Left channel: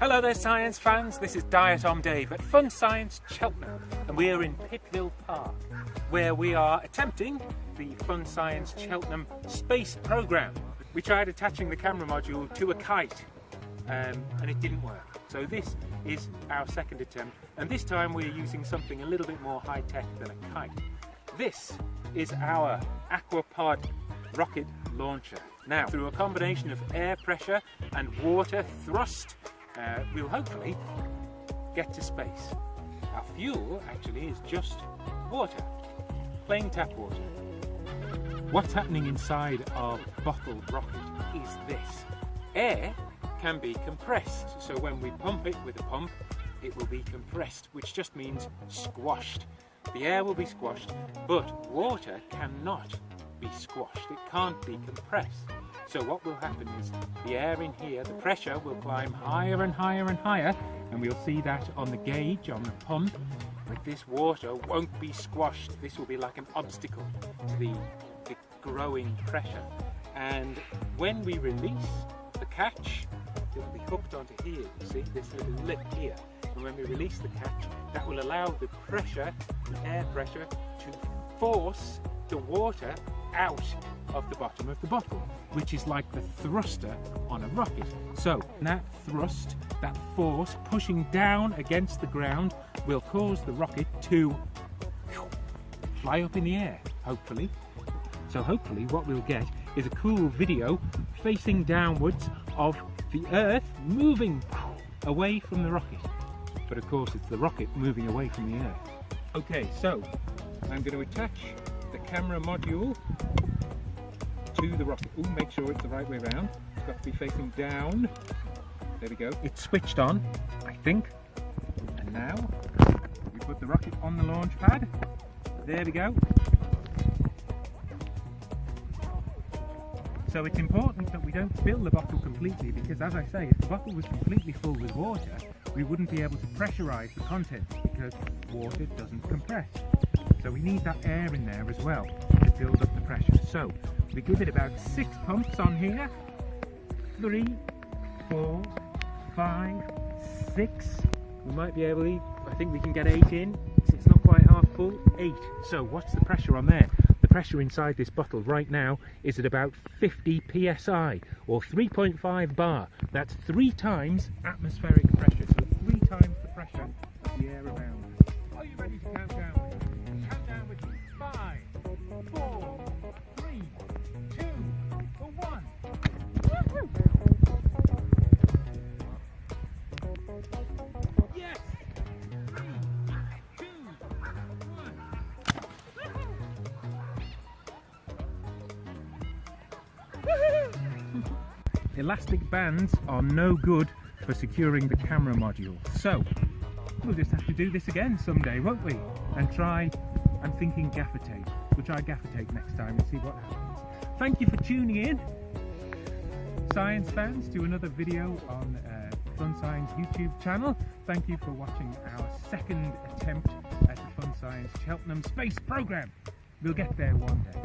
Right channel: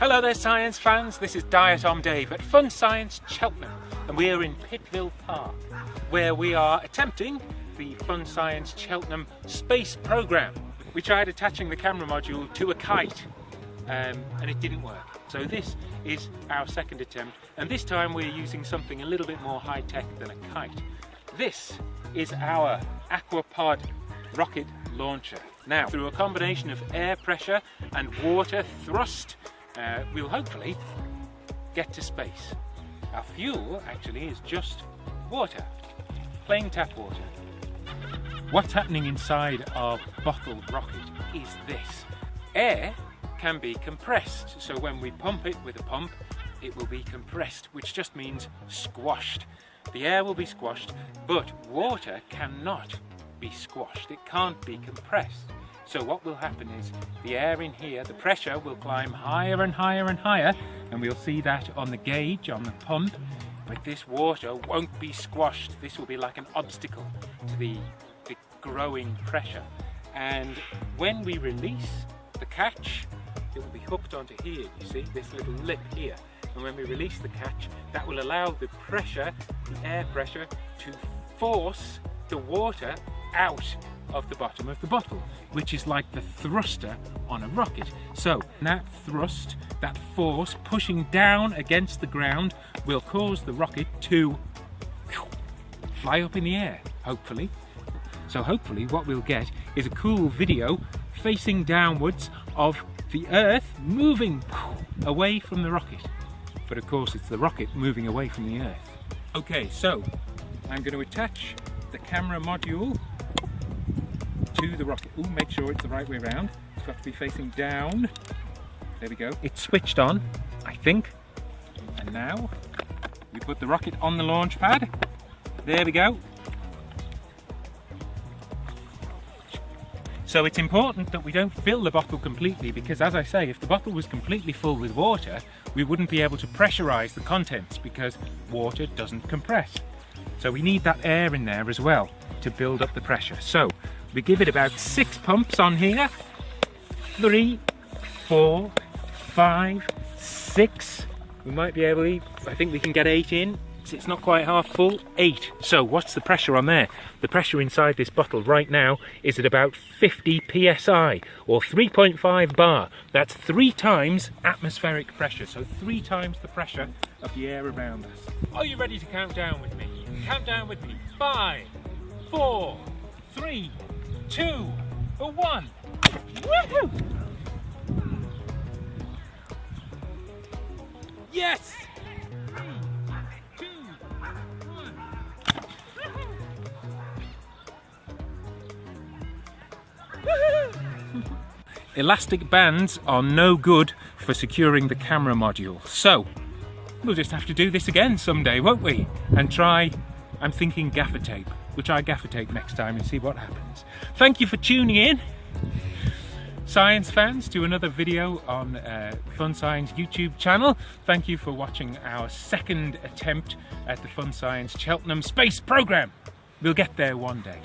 Hello there science fans, this is Diet on Dave at Fun Science Cheltenham, and we are in Pittville Park where we are attempting the Fun Science Cheltenham space programme. We tried attaching the camera module to a kite and it didn't work. So this is our second attempt, and this time we're using something a little bit more high-tech than a kite. This is our aquapod rocket launcher. Now, through a combination of air pressure and water thrust, we'll hopefully get to space. Our fuel actually is just water, plain tap water. What's happening inside our bottled rocket is this. Air can be compressed, so when we pump it with a pump, it will be compressed, which just means squashed. The air will be squashed, but water cannot be squashed. It can't be compressed. So what will happen is the air in here, the pressure will climb higher and higher and higher, and we'll see that on the gauge, on the pump. But this water won't be squashed. This will be like an obstacle to the growing pressure. And when we release the catch, it will be hooked onto here, you see, this little lip here. And when we release the catch, that will allow the pressure, the air pressure, to force the water out of the bottom of the bottle, which is like the thruster on a rocket. So that thrust, that force pushing down against the ground, will cause the rocket to fly up in the air, hopefully. So hopefully what we'll get is a cool video facing downwards of the Earth moving away from the rocket. But of course it's the rocket moving away from the Earth. Okay, so I'm going to attach the camera module to the rocket. Ooh, make sure it's the right way around. It's got to be facing down. There we go. It's switched on, I think. And now we put the rocket on the launch pad. There we go. So it's important that we don't fill the bottle completely, because as I say, if the bottle was completely full with water, we wouldn't be able to pressurize the contents because water doesn't compress. So we need that air in there as well to build up the pressure. So we give it about 6 pumps on here. 3, 4, 5, 6. We might be able to, I think we can get 8 in. It's not quite half full. 8. So what's the pressure on there? The pressure inside this bottle right now is at about 50 psi or 3.5 bar. That's 3 times atmospheric pressure, so 3 times the pressure of the air around us. Are you ready to count down with me? Count down with me. 5, 4, 3, 2, 1. Woohoo! Yes! 3, 2, 1. Elastic bands are no good for securing the camera module, so we'll just have to do this again someday, won't we? And try, I'm thinking gaffer tape. We'll try gaffer tape next time and see what happens. Thank you for tuning in, science fans, to another video on Fun Science YouTube channel. Thank you for watching our second attempt at the Fun Science Cheltenham space programme. We'll get there one day.